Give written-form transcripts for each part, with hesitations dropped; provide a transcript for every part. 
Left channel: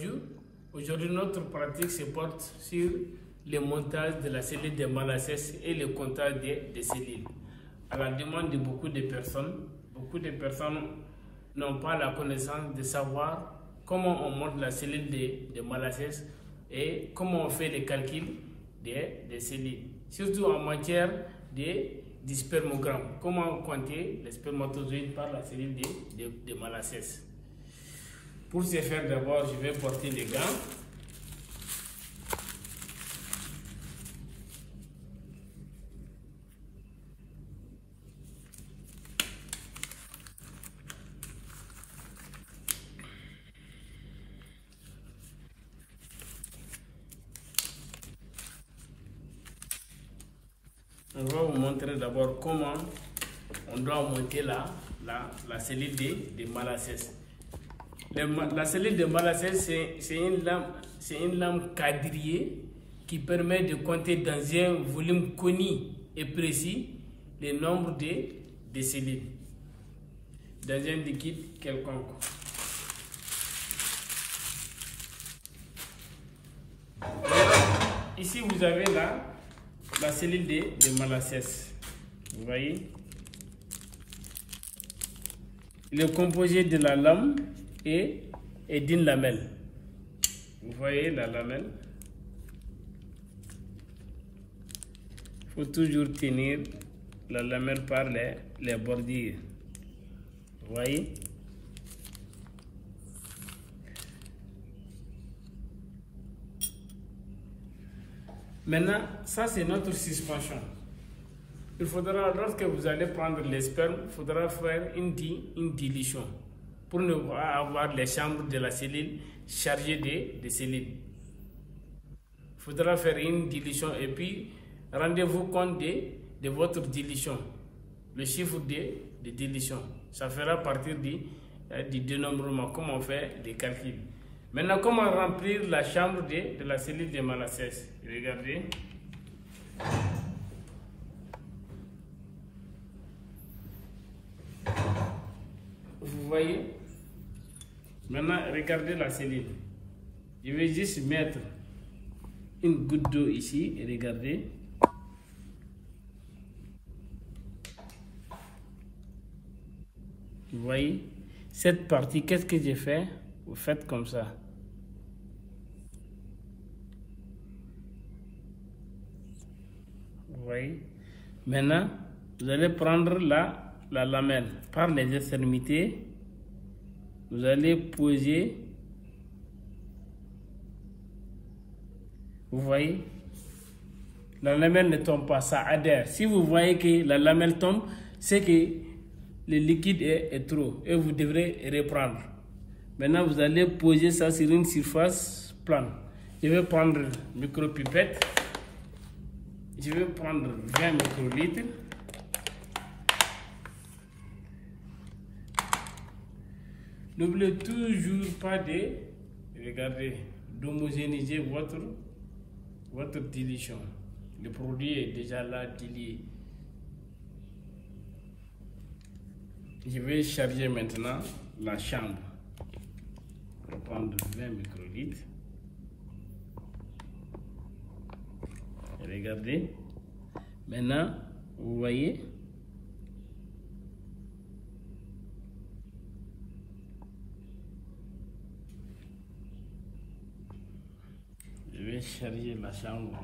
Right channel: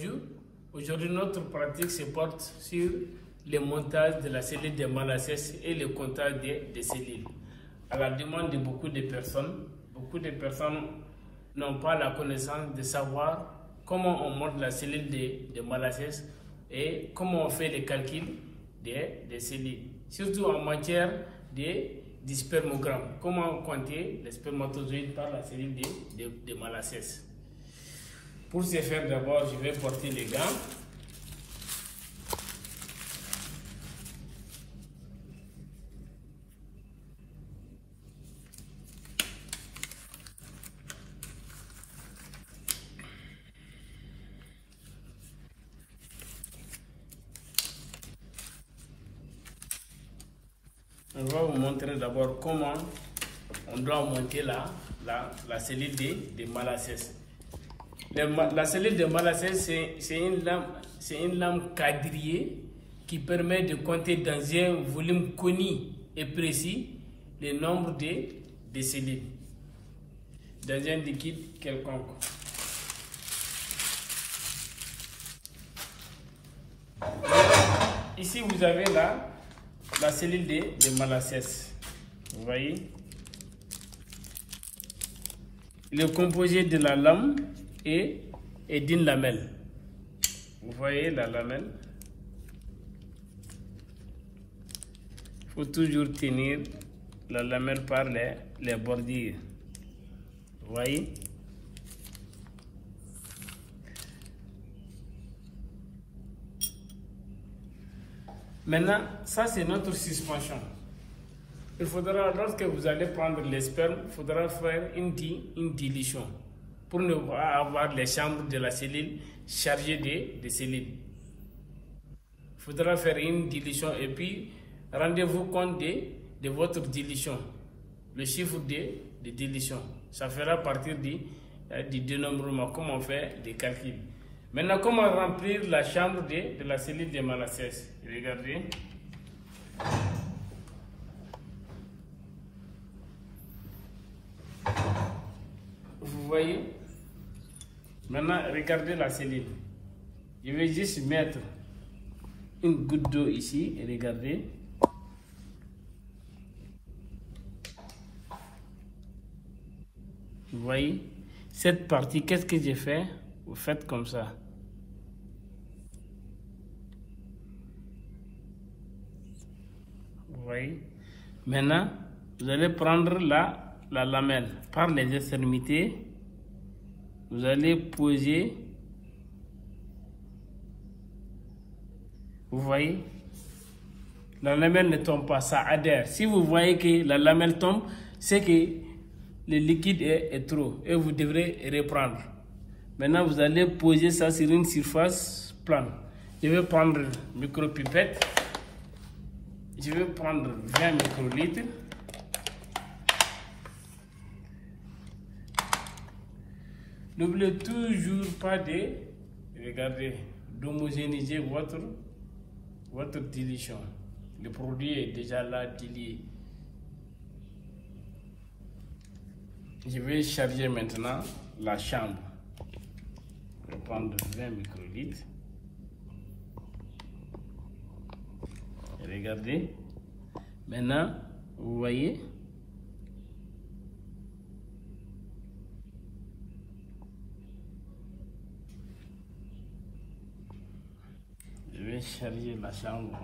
bonjour. Aujourd'hui, notre pratique se porte sur le montage de la cellule de Malassez et le comptage des cellules. À la demande de beaucoup de personnes n'ont pas la connaissance de savoir comment on monte la cellule de Malassez et comment on fait les calculs des cellules. Surtout en matière du spermogramme, comment compter les spermatozoïdes par la cellule de Malassez. Pour ce faire, d'abord, je vais porter les gants. On va vous montrer d'abord comment on doit monter la cellule de Malassez. La cellule de Malassez, c'est une lame quadrillée qui permet de compter dans un volume connu et précis le nombre de cellules dans un liquide quelconque. Ici, vous avez la cellule de Malassez. Vous voyez? Il est composé de la lame et d'une lamelle. Vous voyez la lamelle? Il faut toujours tenir la lamelle par les bordures. Vous voyez? Maintenant, ça c'est notre suspension. Il faudra, lorsque vous allez prendre les spermes, il faudra faire une dilution pour ne pas avoir les chambres de la cellule chargées de cellules. Il faudra faire une dilution et puis rendez-vous compte de votre dilution, le chiffre de dilution. Ça fera partir du dénombrement, comme on fait des calculs. Maintenant, comment remplir la chambre de la cellule de Malassez? Regardez. Vous voyez? Maintenant, regardez la cellule. Je vais juste mettre une goutte d'eau ici et regardez. Vous voyez? Cette partie, qu'est-ce que j'ai fait? Vous faites comme ça. Vous voyez? Maintenant, vous allez prendre la lamelle par les extrémités. Vous allez poser. Vous voyez? La lamelle ne tombe pas, ça adhère. Si vous voyez que la lamelle tombe, c'est que le liquide est trop et vous devrez reprendre. Maintenant, vous allez poser ça sur une surface plane. Je vais prendre une micropipette. Je vais prendre 20 microlitres. N'oubliez toujours pas d'homogénéiser votre dilution. Le produit est déjà là dilué. Je vais charger maintenant la chambre. Je vais prendre 20 microlitres. Regardez. Maintenant, vous voyez. Je vais charger la chambre.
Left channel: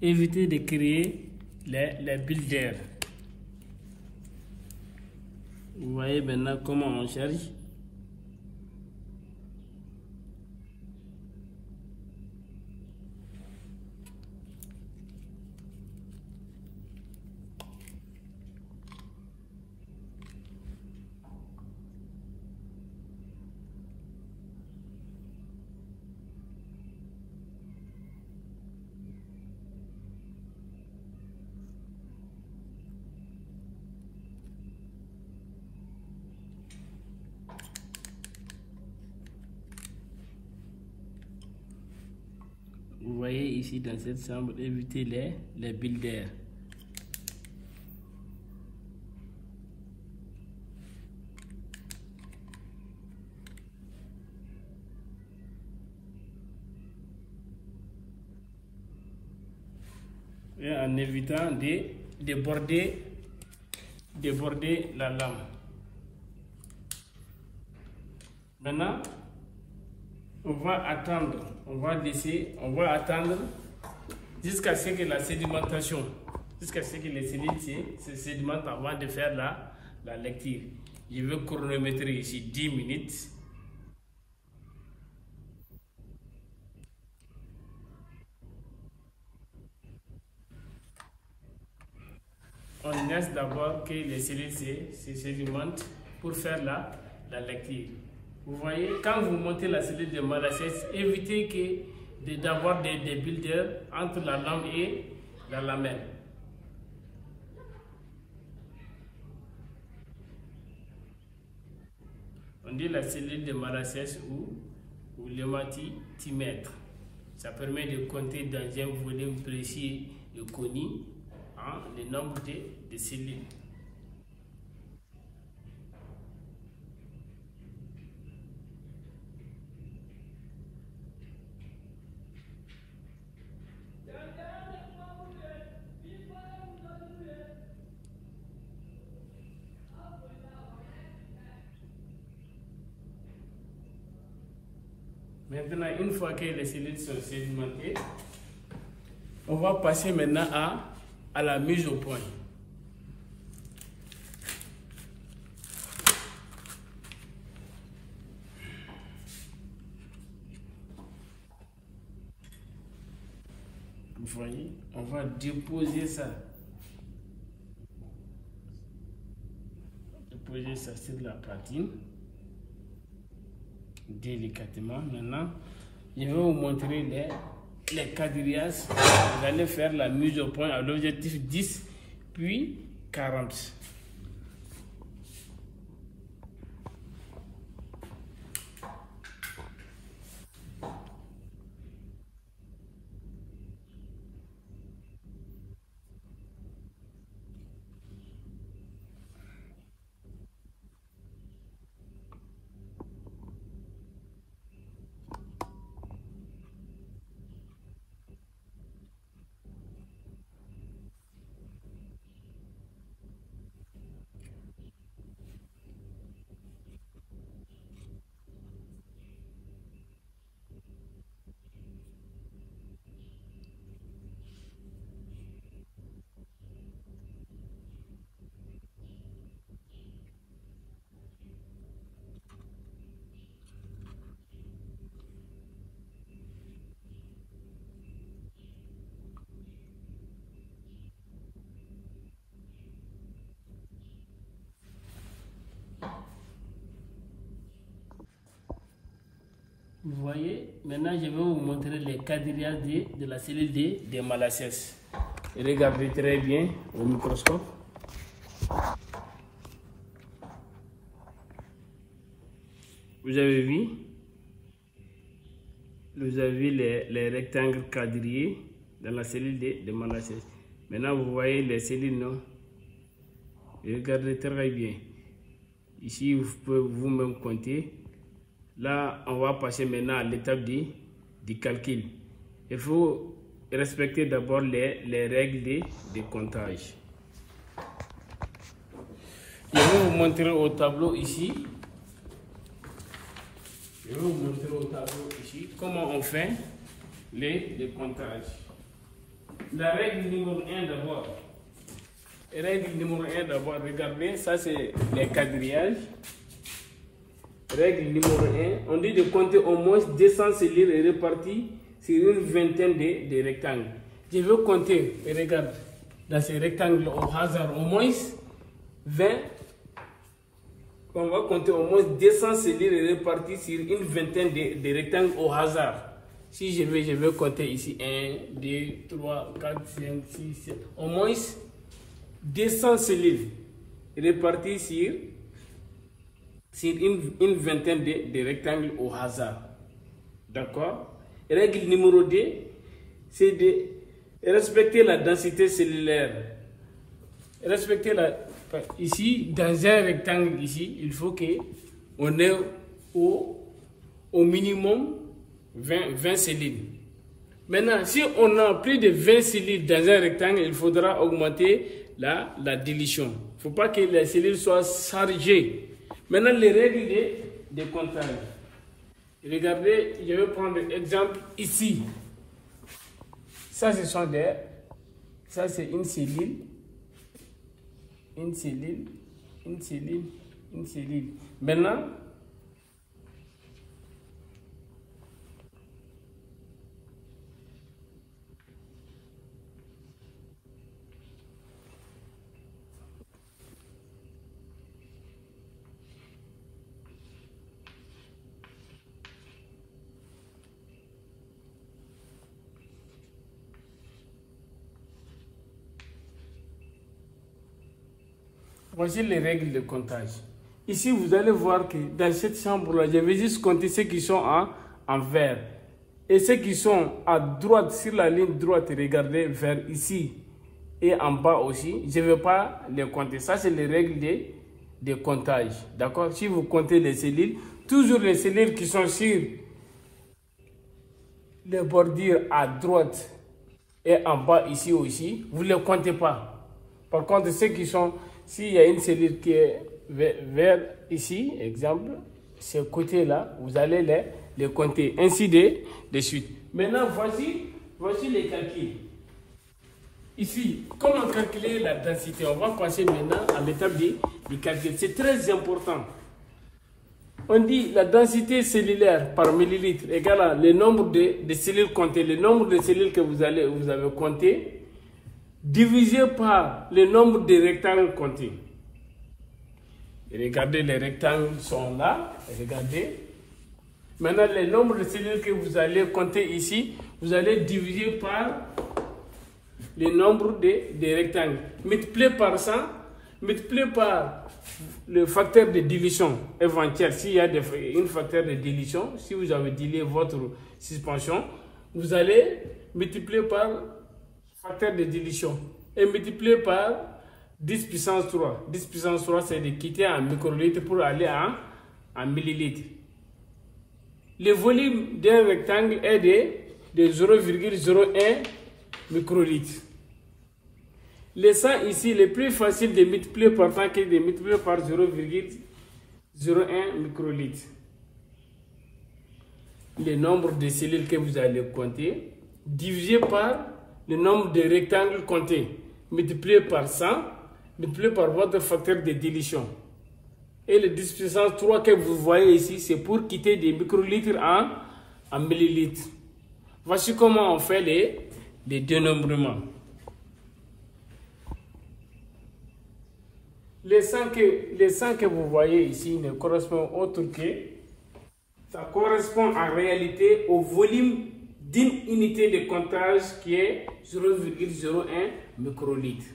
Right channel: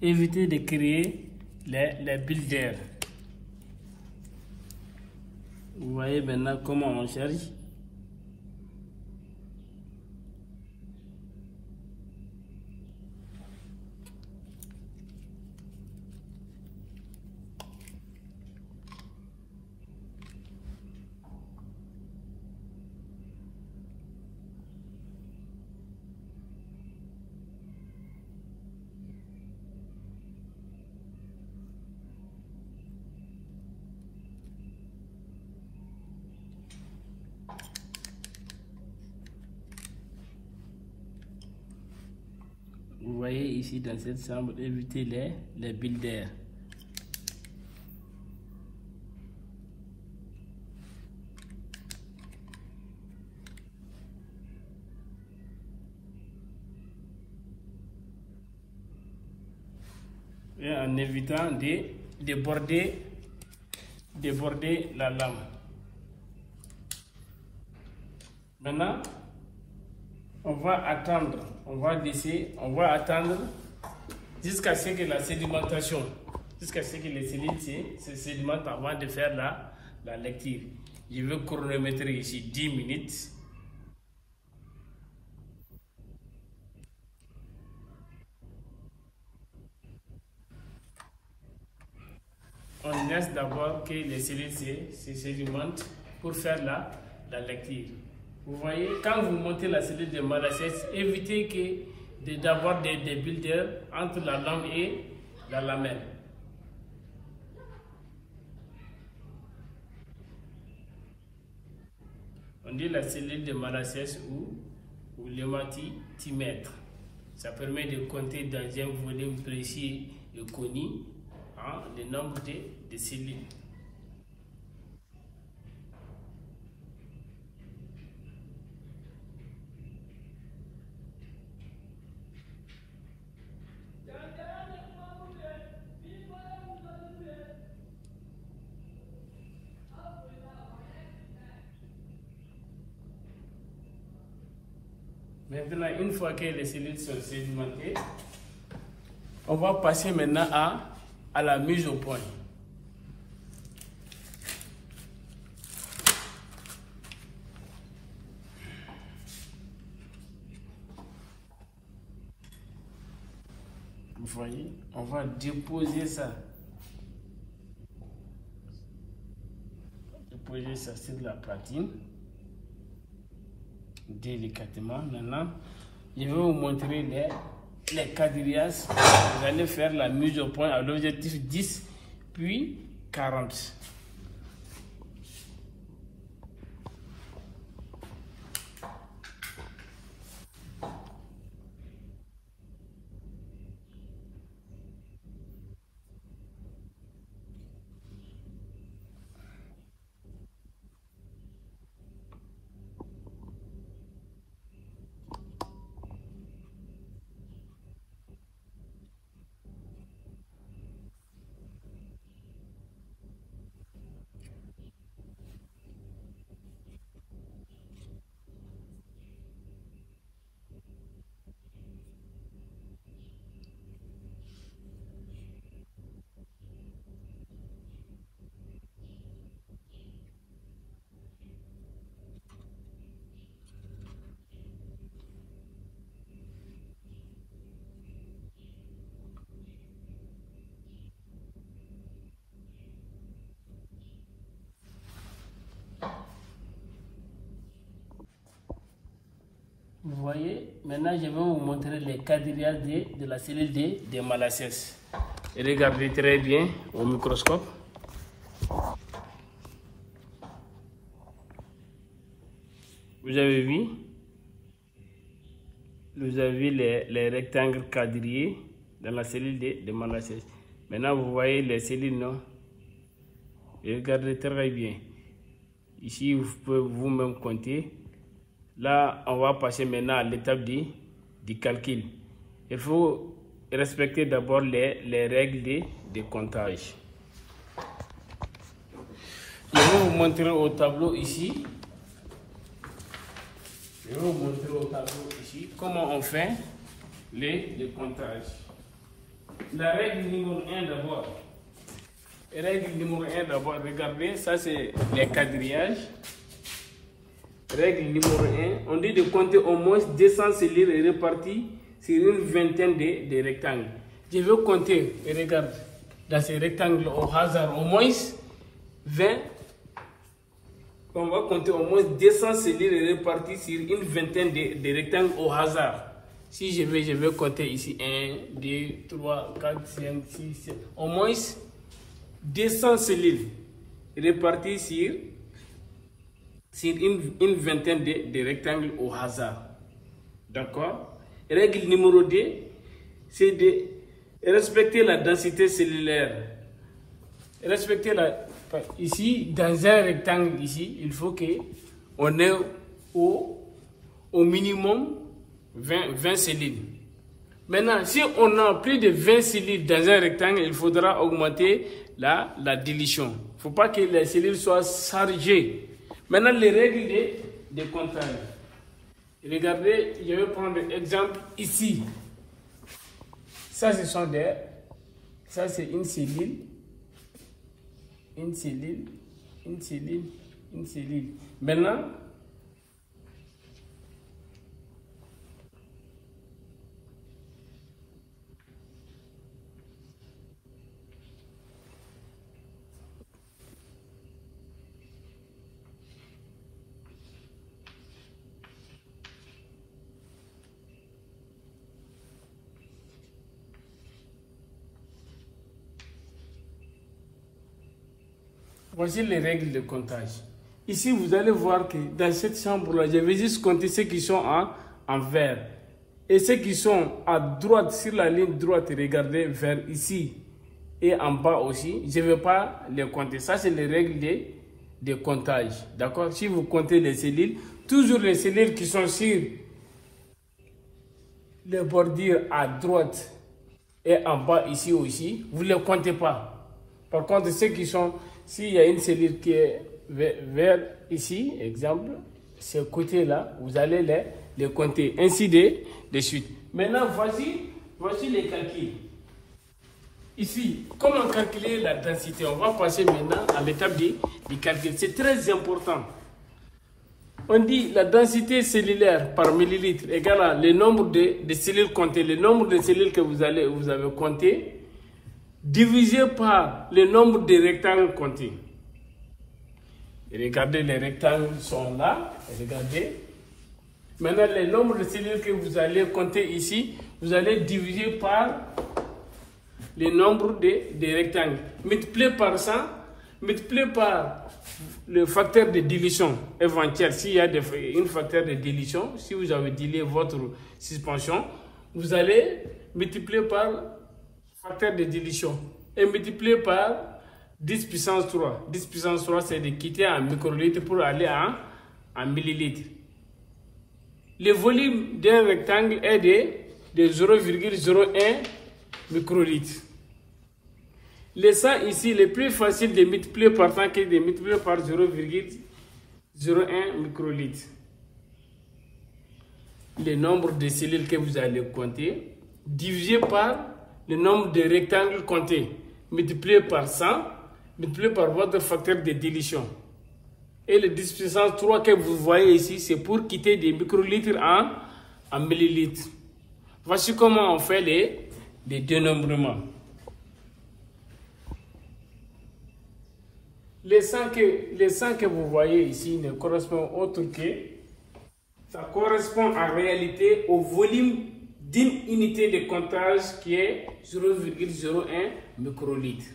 Évitez de créer les bulles d'air. Vous voyez maintenant comment on charge. Vous voyez ici dans cette chambre, évitez les bulles d'air. Et en évitant de déborder la lame. Maintenant, on va attendre, on va attendre jusqu'à ce que la sédimentation, jusqu'à ce que les cellules se sédimentent avant de faire la lecture. Je vais chronométrer ici 10 minutes. On laisse d'abord que les cellules se sédimentent pour faire la lecture. Vous voyez, quand vous montez la cellule de Malassez, évitez d'avoir des bulles d'air entre la lame et la lamelle. On dit la cellule de Malassez ou l'hématimètre. Ça permet de compter dans un volume précis et connu le nombre de cellules. Maintenant, une fois que les cellules sont sédimentées, on va passer maintenant à la mise au point. Vous voyez, on va déposer ça. Déposer ça sur la platine. Délicatement. Maintenant, je vais vous montrer les quadrillages. Vous allez faire la mise au point à l'objectif 10 puis 40. Vous voyez, maintenant je vais vous montrer les quadrillages de la cellule de Malassez. Regardez très bien au microscope. Vous avez vu les rectangles quadrillés dans la cellule de Malassez. Maintenant vous voyez les cellules, non? Regardez très bien. Ici vous pouvez vous-même compter. Là, on va passer maintenant à l'étape du calcul. Il faut respecter d'abord les règles de comptage. Je vais vous montrer au tableau ici. Comment on fait les comptages. La règle numéro 1 d'abord. Règle numéro 1 d'abord, regardez, ça c'est les quadrillages. Règle numéro 1, on dit de compter au moins 200 cellules réparties sur une vingtaine de rectangles. Je veux compter, regarde, dans ces rectangles au hasard, au moins 20. On va compter au moins 200 cellules réparties sur une vingtaine de rectangles au hasard. Si je vais compter ici 1, 2, 3, 4, 5, 6, 7. Au moins 200 cellules réparties sur une vingtaine de rectangles au hasard. D'accord? Règle numéro 2, c'est de respecter la densité cellulaire. Respecter ici, dans un rectangle ici, il faut qu'on ait au minimum 20 cellules. Maintenant, si on a plus de 20 cellules dans un rectangle, il faudra augmenter la dilution. Il ne faut pas que les cellules soient chargées. Maintenant, les règles de comptage. Regardez, je vais prendre l'exemple ici. Ça, ça c'est une cellule. Une cellule, une cellule, une cellule. Maintenant, voici les règles de comptage. Ici, vous allez voir que dans cette chambre-là, je vais juste compter ceux qui sont en vert. Et ceux qui sont à droite, sur la ligne droite, regardez vers ici et en bas aussi, je ne vais pas les compter. Ça, c'est les règles de comptage. D'accord? Si vous comptez les cellules, toujours les cellules qui sont sur les bordures à droite et en bas ici aussi, vous ne les comptez pas. Par contre, ceux qui sont... S'il y a une cellule qui est vers ici, exemple, ce côté-là, vous allez les compter, ainsi de suite. Maintenant, voici les calculs. Ici, comment calculer la densité? On va passer maintenant à l'étape du calcul. C'est très important. On dit la densité cellulaire par millilitre égale le nombre de cellules comptées, le nombre de cellules que vous avez comptées, divisé par le nombre de rectangles comptés. Et regardez, les rectangles sont là. Regardez. Maintenant, le nombre de cellules que vous allez compter ici, vous allez diviser par le nombre de rectangles. Multiplié par 100, multiplié par le facteur de division éventuel. S'il y a un facteur de division, si vous avez dilué votre suspension, vous allez multiplier par facteur de dilution et multiplié par 10 puissance 3. 10 puissance 3, c'est de quitter en microlitres pour aller en millilitres. Le volume d'un rectangle est de 0,01 microlitres. Le 100 ici, le plus facile de multiplier par 100 que de multiplier par 0,01 microlitres. Le nombre de cellules que vous allez compter divisé par le nombre de rectangles comptés, multiplié par 100, multiplié par votre facteur de dilution. Et le 10 puissance 3 que vous voyez ici, c'est pour quitter des microlitres en millilitres. Voici comment on fait les dénombrements. Les 100 que vous voyez ici ne correspondent autre que, ça correspond en réalité au volume d'une unité de comptage qui est 0,01 microlitre.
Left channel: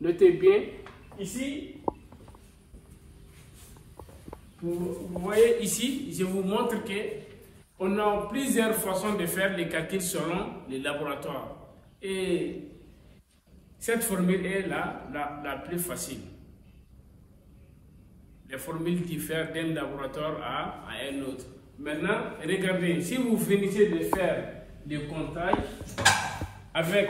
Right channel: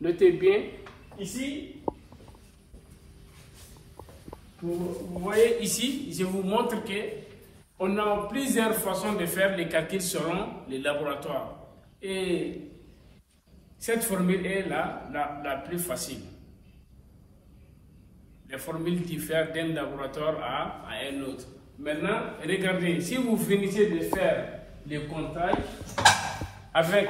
Notez bien, ici, vous voyez ici, je vous montre que on a plusieurs façons de faire les calculs selon les laboratoires. Et cette formule est la plus facile. Les formules diffèrent d'un laboratoire à un autre. Maintenant, regardez, si vous finissez de faire le comptage avec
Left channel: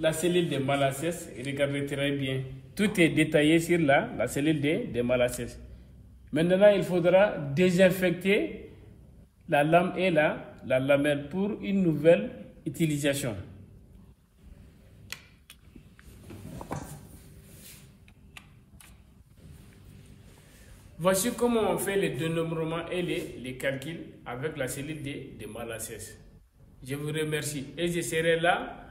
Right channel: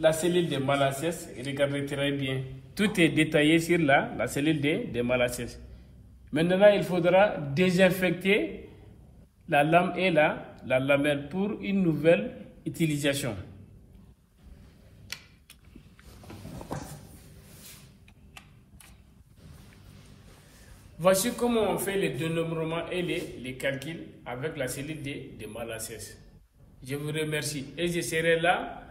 la cellule de Malassez, regardez très bien, tout est détaillé sur la cellule de Malassez. Maintenant, il faudra désinfecter la lame et la lamelle pour une nouvelle utilisation. Voici comment on fait les dénombrements et les calculs avec la cellule de Malassez. Je vous remercie et je serai là